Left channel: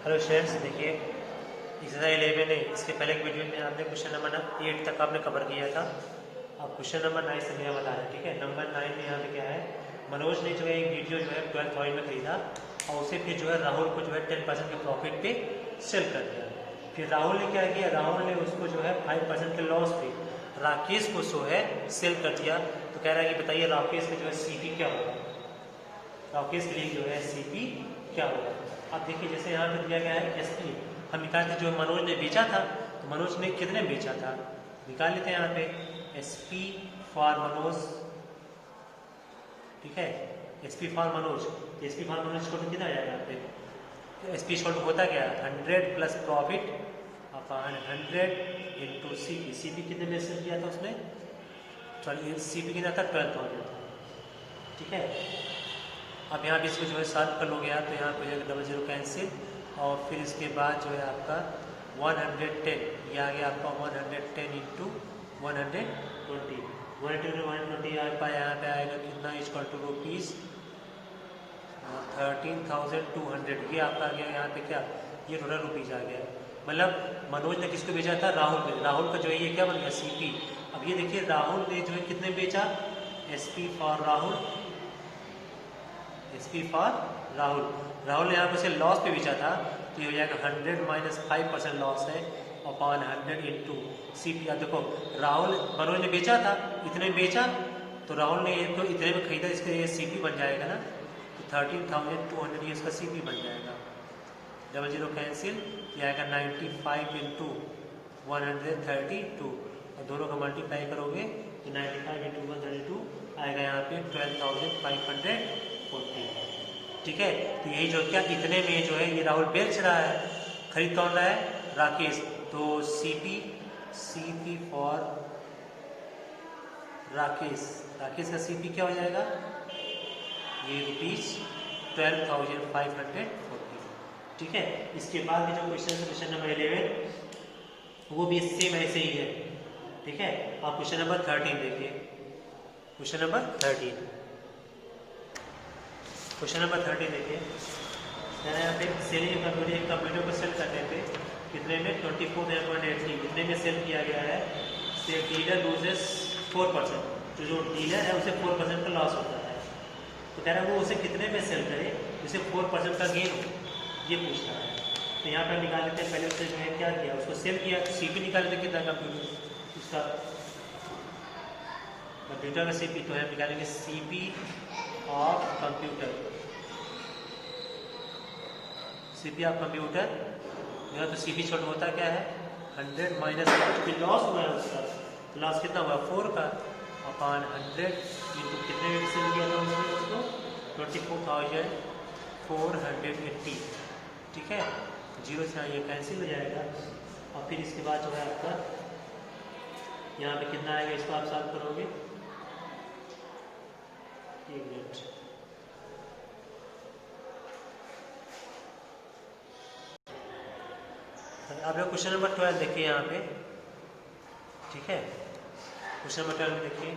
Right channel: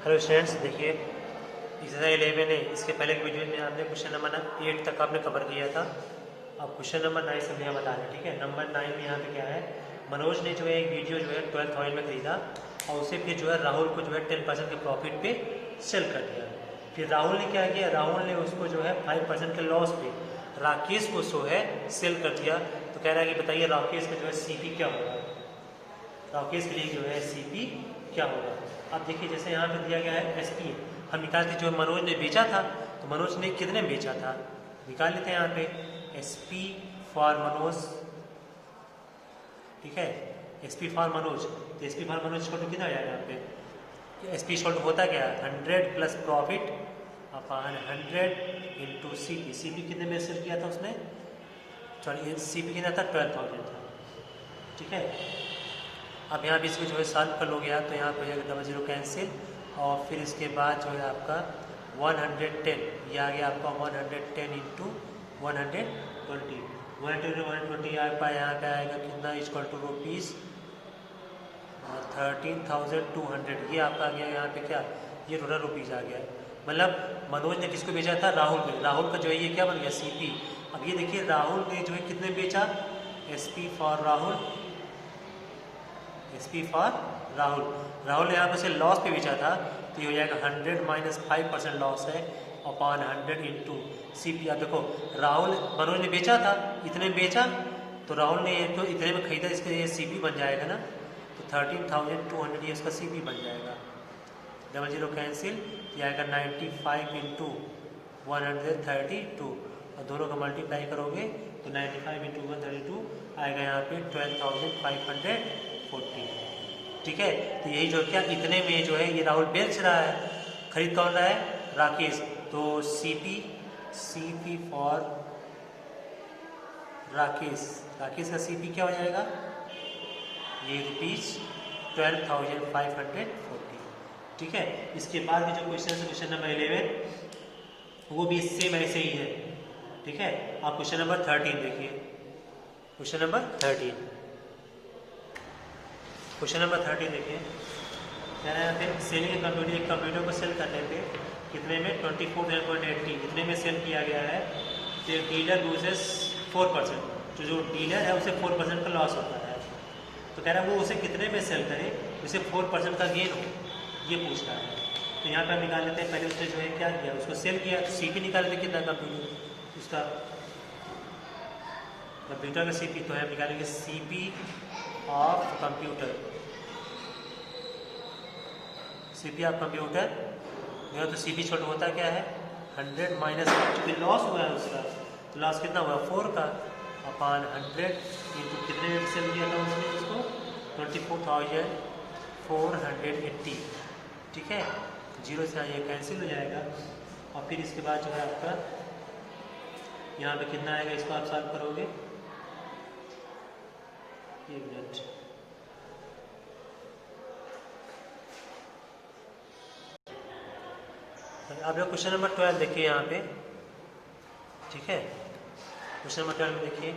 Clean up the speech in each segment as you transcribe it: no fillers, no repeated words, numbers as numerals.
Hello students, देखिए exercise 11 है। इसके पहले के वीडियो में आपने क्वेश्चन नंबर 8 तक आपने कवर किया था। अब क्वेश्चन नंबर 9 से नया बता रहे हैं। ठीक है, नंबर 9 में यहाँ पे क्या है, मनोज ने जो है वीडियो जो है 12,000 में खरीदा और उसे फिर जो है राहुल को जो है 10% के प्रॉफिट पे सेल कर दिया। फिर राहुल ने क्या किया, राहुल ने उसको जो है 5% के लॉस पे राकेश को जो है सेल कर दिया। तो कह रहा है कि बताइए राकेश में जो है सीपी क्या होगा, राकेश के लिए जो है सीपी क्या होगा। अब देखिए जैसे यहाँ पे दिया गया है एसपी, हम निकाल के जो मनोज ने बेचा था तो मनोज ने कितने बेचा था निकाल लेते हैं यहाँ पे एसपी फॉर मनोज। ठीक है, एसपी फॉर मनोज, तो एसपी फॉर मनोज छोटू कितना आएगा यहाँ पे, एसपी छोटू होता क्या है 100 plus profit upon 100 into CP. CP कितने में सेल किया था उसने, सॉरी सीपी कितना था 12,000 था। ठीक है, अब यहाँ भी इसको जो है सॉल्व कर लोगे आप तो यहाँ पे हो जाएगा 00 कैंसिल और फिर इसके बाद जो है आपका 110, ये आ गया आपका 110 इंटू 120, 120 आपका यहाँ पे आएगा कितना इक्वल टू रुपीज़ 13,200। ये आपका आ गया यहाँ पे क्या, ये टोटल रुपीज़ आ गया। मतलब मनोज ने किसको बेचा था, राहुल ने। राहुल का जो है ये क्या बन गया सीपी। अब ये देखिए राहुल ने जो है कितने बेचा, SP for Rahul, SP for Rahul. Rahul ने यहाँ पे से लॉस पे बेचा था तो ये हो जाएगा 100 माइनस 5% लॉस है अपॉन 100 इंटू सीपी। अब देखो राहुल मनोज ने बेचा था, इतने में बेचा तो राहुल ने एक तो इतने में खरीदा, इसके ये सीपी बन जाएगा ना, तो 13,200 ये इसका सीपी बन जाएगा। 00 कैंसिल, ये आएगा 95 इंटू 132 और दोनों का मल्टीप्लाई करोगे तो 95 इंटू 132 आएगा यहाँ पे 12,540। ठीक है, तो यही जो क्या इतने में जो है ये राहुल बेच रहा है, खरीद कौन रहा है, राकेश। तो CP, CP for Rakesh, Rakesh का सीपी क्या हो जाएगा, ये रुपीज 12,540। ठीक है, इसके बाद भी जो क्वेश्चन नंबर 11 वो भी सेम ऐसे ही है। ठीक है, आप क्वेश्चन नंबर 13 देखिए, क्वेश्चन नंबर 13, क्वेश्चन नंबर 13 देखिए, यहाँ पे सेलिंग कंप्यूटर, एक कंप्यूटर को सेल करने पे कितने में 24.80 इतने में सेल किया गया है। तो डीलर लूजेस 4%, जो डीलर है उसे 4% का लॉस होता है। तो कह रहा है वो उसे कितने में सेल करे उसे 4% का गेन हो, ये पूछ रहा है। तो यहाँ पर निकाल लेते हैं, पहले उसने जो है क्या किया, उसको सेल किया तो सीपी निकाल लेते कितना कंप्यूटर उसका, कंप्यूटर का सीपी तो है निकालेंगे CP of computer, CP of computer जो तो सीपी छोटा होता क्या है 100 माइनस लॉस हुआ है उसका, तो लॉस कितना हुआ 4 का अपॉन 100 इंटू कितने सेल किया था उन्होंने उसको 24,480। ठीक है, 0 से आइए कैंसिल हो जाएगा और फिर इसके बाद जो है आपका यहाँ पे कितना आएगा, इसको आप सॉल्व करोगे, एक मिनट, आप लोग क्वेश्चन नंबर 12 देखिए यहाँ पे। ठीक है, क्वेश्चन नंबर 12 देखिए,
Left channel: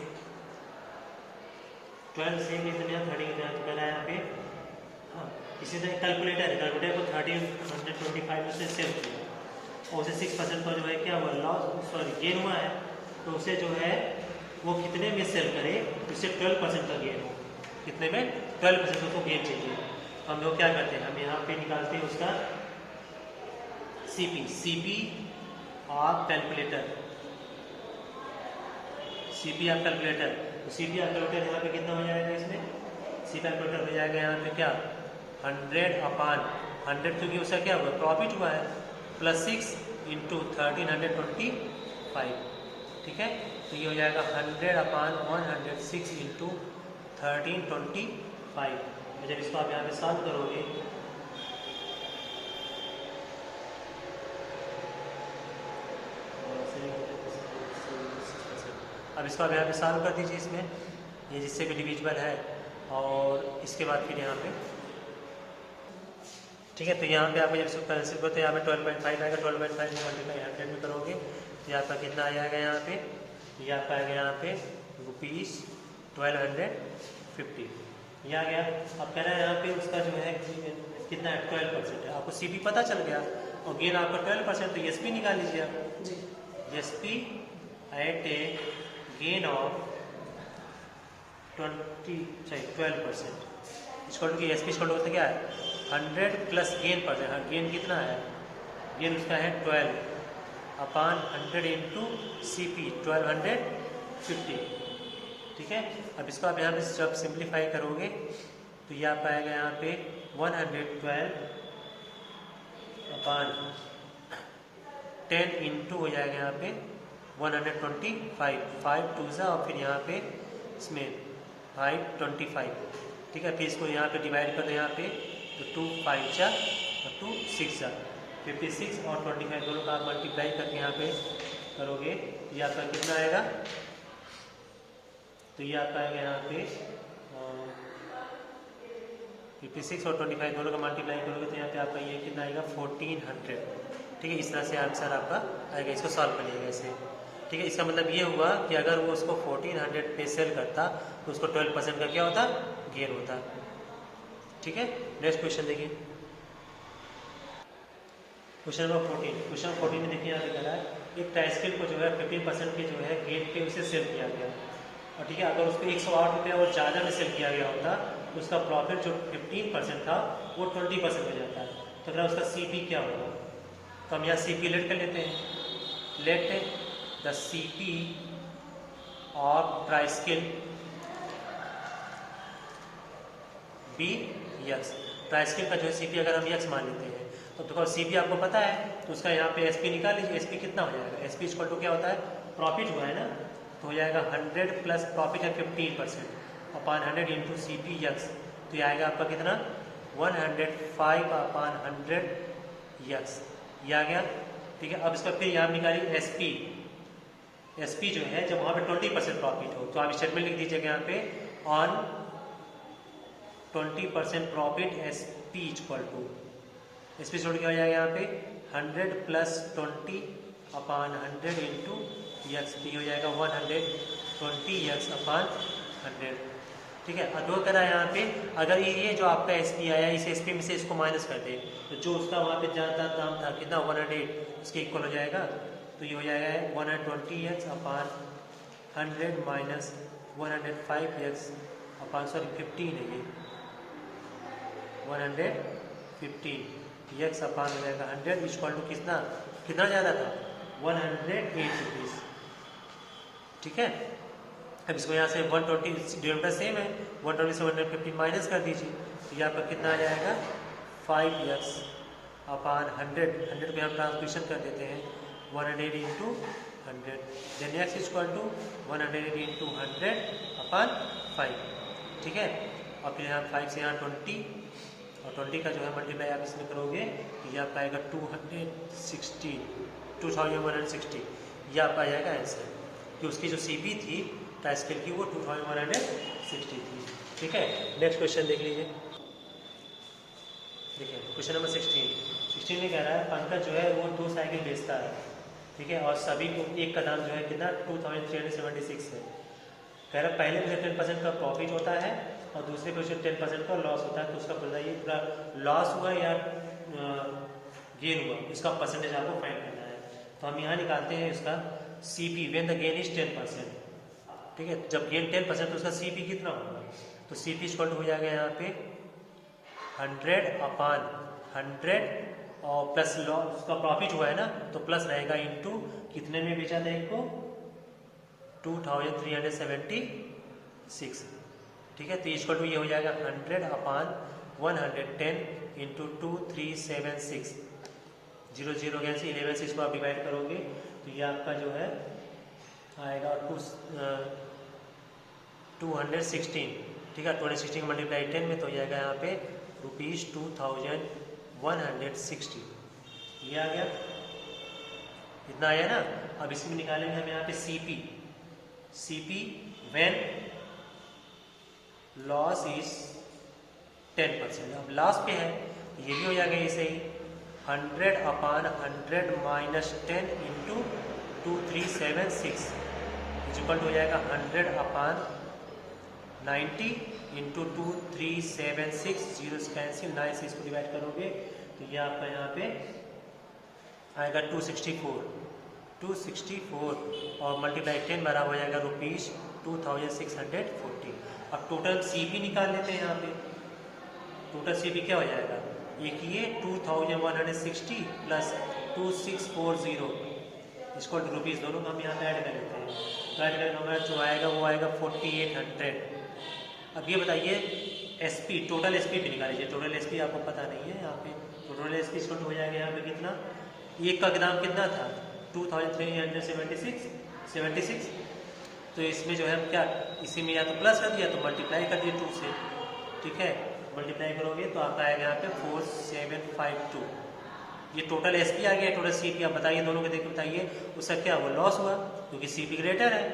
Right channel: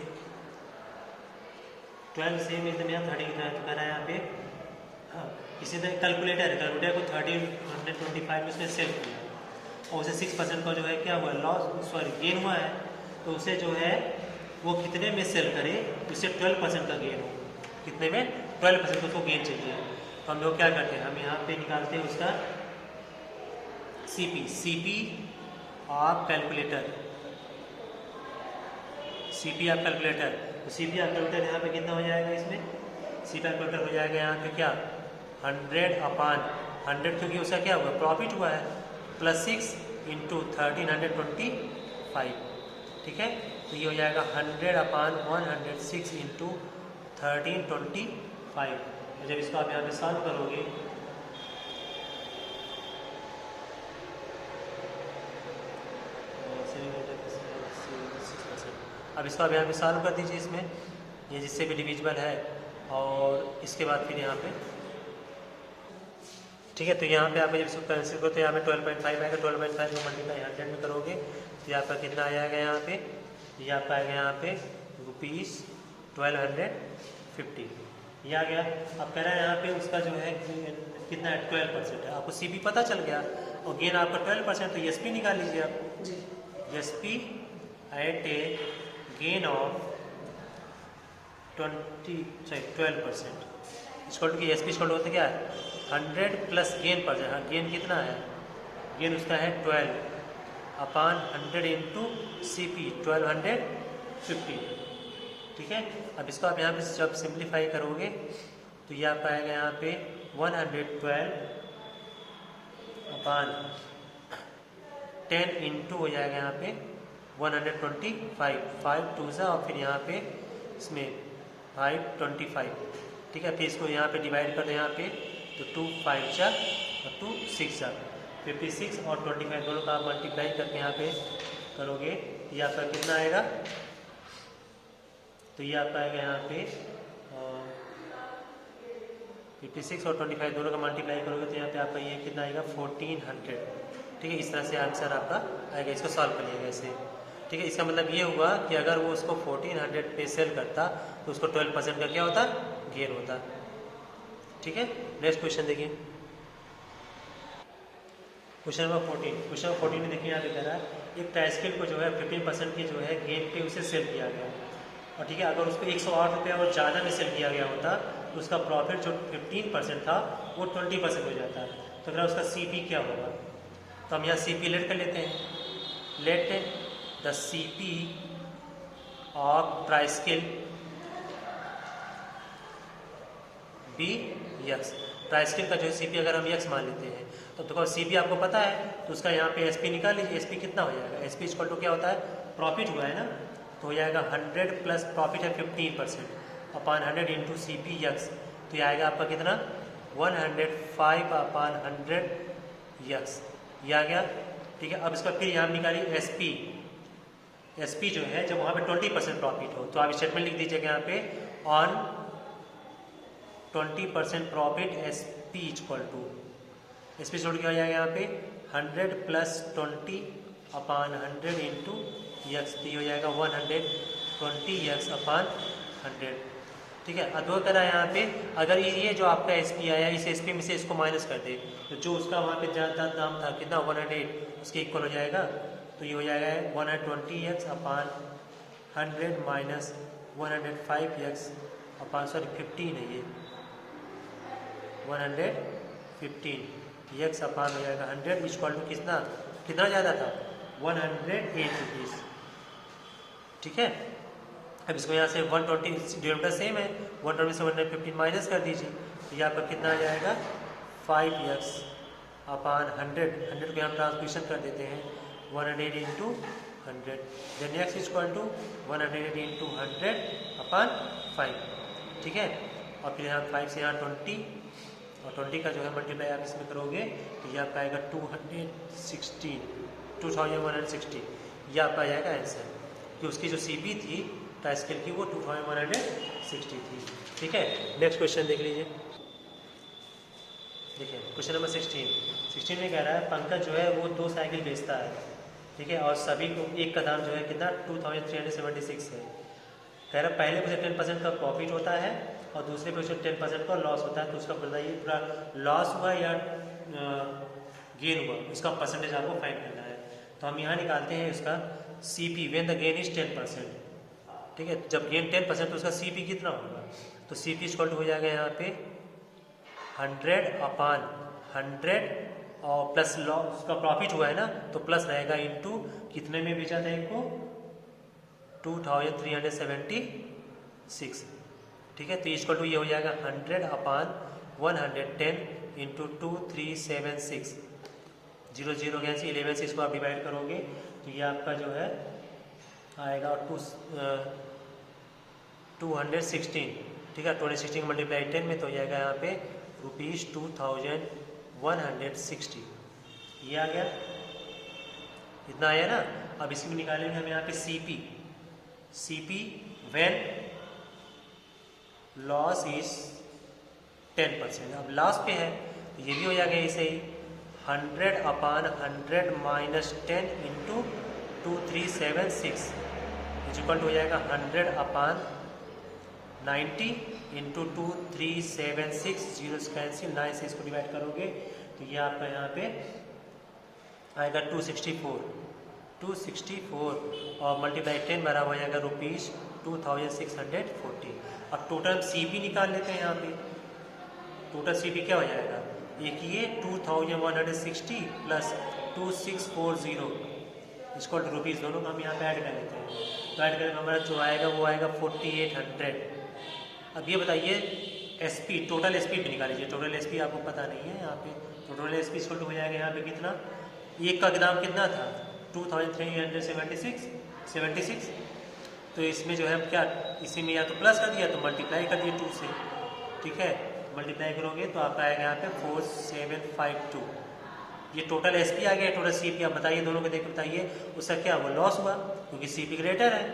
12 सेम इधर यहाँ 30 का है तो कह रहा है यहाँ पे, हाँ किसी ने कैलकुलेटर को 1325 में उसने सेल किया और उसे 6% का जो है क्या हुआ लॉस, सॉरी गेन हुआ है। तो उसे जो है वो कितने में सेल करे, उससे 12% का गेन हो, कितने में 12% उसको गेन चाहिए। तो हम लोग क्या करते हैं, हम यहाँ पे निकालते हैं उसका CP, CP of calculator, CP of calculator, तो सीपी ऑफ कैलकुलेटर यहाँ पे कितना हो जाएगा, इसमें सीपी ऑफ कैलकुलेटर हो जाएगा यहाँ पे क्या 100 अपॉन 100 क्योंकि उसका क्या हुआ प्रॉफिट हुआ है प्लस 6 इंटू 1325। ठीक है, तो ये हो जाएगा 100 अपॉन 106 इंटू 1325। जब इसको आप यहाँ पे सॉल्व करोगे अब इसको आप यहाँ पे सॉल्व कर दीजिए, इसमें ये जिससे भी डिविजिबल है और इसके बाद फिर यहाँ पे ठीक है, तो यहाँ पे आप जब इसको कैंसिल करो तो यहाँ पे 12.5 आएगा, 12.5 को मल्टीप्लाई 100 में करोगे तो यहाँ पर कितना आ जाएगा, यहाँ पे ये आपका आएगा यहाँ पे रुपीज़ 1250 ये आ गया। अब कह रहा है यहाँ पे उसका जो है कितना है 12% है। आपको सीपी पता चल गया और गेन आपका 12%, तो एसपी निकाल लीजिए आप। SP at a gain of 12%, इसको एसपी इसको होता क्या है 100 प्लस गेन परसेंट। हाँ, गेन कितना है, गेन उसका है 12 अपान 100 इंटू सी पी 1250। ठीक है, अब इसको आप यहाँ पे जब सिंप्लीफाई करोगे तो ये आप आएगा यहाँ पे 112 अपान 10 इंटू हो जाएगा यहाँ पे 125, 5 टू सा और फिर यहाँ पे इसमें 525। ठीक है, फिर इसको यहाँ पे डिवाइड कर दो यहाँ पे, तो 2 5 जा और 2 6 जा, 56 और 25 दोनों का आप मल्टीप्लाई करके यहाँ पे करोगे तो ये आपका कितना आएगा, तो ये आपका आएगा यहाँ पे 56 और 25 दोनों का मल्टीप्लाई करोगे तो यहाँ पे आपका ये कितना आएगा 1400। ठीक है, इस तरह से आंसर आपका आएगा, इसको सॉल्व करिएगा ऐसे। ठीक है, इसका मतलब ये हुआ कि अगर वो उसको 1400 पे सेल करता तो उसको 12% का क्या होता, गेन होता। ठीक है, नेक्स्ट क्वेश्चन देखिए, क्वेश्चन नंबर 14। क्वेश्चन नंबर 14 में देखिए यहाँ पे कह रहा है एक ट्राइस्किल को जो है 15% की जो है गेन पे उसे सेल किया गया, और ठीक है अगर उसको 108 रुपये और ज़्यादा में सेल किया गया होता तो उसका प्रॉफिट जो 15% था वो 20% हो जाता है। तो फिर उसका सीपी क्या होगा, तो हम यहाँ सीपी लेट कर लेते हैं। Let the CP of tricycle be x. Tricycle का जो सीपी अगर हम यक्स मान लेते हैं तो देखो सीपी आपको पता है, तो उसका यहाँ पे एसपी निकाल लीजिए। एसपी कितना हो जाएगा, एसपी इक्वल टू क्या होता है, प्रॉफिट हुआ है ना, तो हो जाएगा 100 प्लस प्रॉफिट है 15% अपान 100 इंटू सी पी यक्स, तो ये आएगा आपका कितना 105 अपान 100 यक्स, ये आ गया। ठीक है, अब इसका फिर यहाँ निकालिए एसपी। एसपी जो है जब वहाँ पे 20% प्रॉफिट हो तो आप स्टेटमेंट लिख दीजिएगा यहाँ पे on 20% profit SP equal to, SP छोड़ क्या हो जाएगा यहाँ पे 100 प्लस 20 अपान 100 इंटू यक्स, तो ये हो जाएगा 120 यक्स अपान 100। ठीक है, अब दो तरह यहाँ पे अगर ये जो आपका एसपी आया इस एसपी में से इसको माइनस कर दे तो जो उसका वहाँ पे ज़्यादा दाम था कितना 100 उसके इक्वल हो जाएगा, तो ये हो जाएगा 120 यक्स अपान 100 माइनस 105 यक्स अपान 15 है ये 115 यक्स अपान हो जाएगा 100 इक्वल टू कितना कितना ज़्यादा था 108 रुपीज़। ठीक है, अब इसको यहाँ से 120 डिनोमिनेटर सेम है, 120 से 115 माइनस कर दीजिए, तो ये आपका कितना आ जाएगा 5 यक्स अपान 100 पे हम ट्रांसमिशन कर देते हैं 108 into 100, then X equal to 108 into 100 upon 5। ठीक है, और फिर यहाँ 5 से यहाँ 20 और 20 का जो है मल्टीप्लाई आप इसमें करोगे तो ये आपका आएगा 2160, ये आपका आ जाएगा आंसर, कि उसकी जो सीबी थी ट्राइस्किल की वो 2160 थी। ठीक है, नेक्स्ट क्वेश्चन देख लीजिए। देखिए क्वेश्चन नंबर 16 में कह रहा है पंकज जो है वो 2 साइकिल बेचता है, ठीक है, और सभी को एक का दाम जो है कितना 2376 है। कह रहा है पहले पे 10% का प्रॉफिट होता है और दूसरे पे उसे 10% का लॉस होता है, तो उसका बताइए पूरा लॉस हुआ या गेन हुआ, उसका परसेंटेज आपको फाइंड करना है। तो हम यहाँ निकालते हैं इसका CP when the gain is 10%। ठीक है, जब गेन 10% तो उसका सीपी कितना होगा, तो सीपी इक्वल हो जाएगा यहाँ पे 100 अपान 100 और प्लस लॉस का प्रॉफिट हुआ है ना तो प्लस रहेगा इंटू कितने में बेचा था इनको 2376। ठीक है, तो इक्वल टू ये हो जाएगा 100 अपान 110 इंटू 2376, 0 0 गया से 11 से इसको आप डिवाइड करोगे तो ये आपका जो है आएगा 216। ठीक है, 216 मल्टीप्लाई 10 में तो जाएगा यहाँ पे ₹2160, ये आ गया, इतना आया ना। अब इसी में निकालेंगे हम यहाँ पे सीपी व्हेन लॉस इज 10%। अब लॉस पे है तो ये भी हो जाएगा इसे 100 अपान 100 माइनस 10 इंटू 2376 इक्वल हो जाएगा 100 अपान 90 इंटू 2376, जीरो से कैंसिल, 9 से इसको डिवाइड करोगे तो ये आपका यहाँ पे आएगा 264 और मल्टीप्लाई 10 बराबर हो जाएगा ₹2640। अब टोटल CP निकाल लेते हैं यहाँ पे। टोटल CP क्या हो जाएगा, एक ये 2160 प्लस 2640 इसको रुपीज़, दोनों को हम यहाँ पे ऐड कर लेते हैं। तो ऐड करके हमारा जो आएगा वो आएगा 4800। अब ये बताइए SP, टोटल SP भी निकाल लीजिए। टोटल SP आपको पता नहीं है यहाँ पे, तो टोटल SP इसको हो जाएगा यहाँ पे कितना, एक का दाम कितना था 2376। तो इसमें जो है हम क्या, इसी में या तो प्लस कर दिया तो मल्टीप्लाई कर दिया 2 से, ठीक है। मल्टीप्लाई करोगे तो आपका आएगा यहाँ पे 4752। ये टोटल SP आ गया, टोटल CP। आप बताइए दोनों को देख बताइए उसका क्या हुआ, लॉस हुआ, क्योंकि CP ग्रेटर है।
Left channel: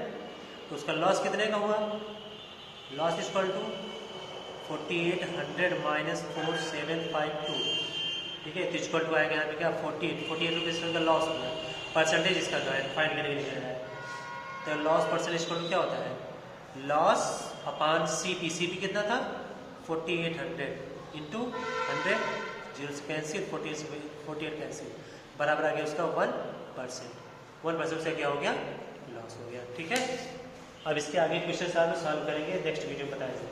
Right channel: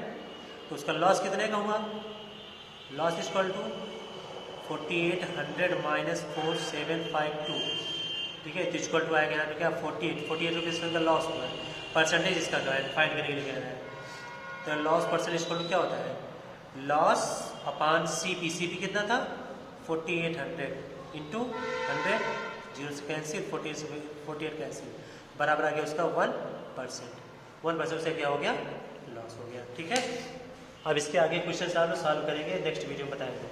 तो उसका लॉस कितने का हुआ, लॉस इक्वल टू 4800 माइनस 4752, ठीक है। इक्वल टू आएगा यहाँ क्या 48 रुपीज़ का लॉस हुआ। परसेंटेज इसका जो है फाइंड करके लिखा है, तो लॉस परसेंटेज इक्वल क्या होता है, लॉस अपॉन CP कितना था 4800 इंटू 100, जीरो से कैंसिल, 48 कैंसिल, बराबर आ गया उसका 1%। 1% से क्या हो गया, लॉस हो गया, ठीक है। अब इसके आगे क्वेश्चन सॉल्व करेंगे नेक्स्ट वीडियो में बताएंगे।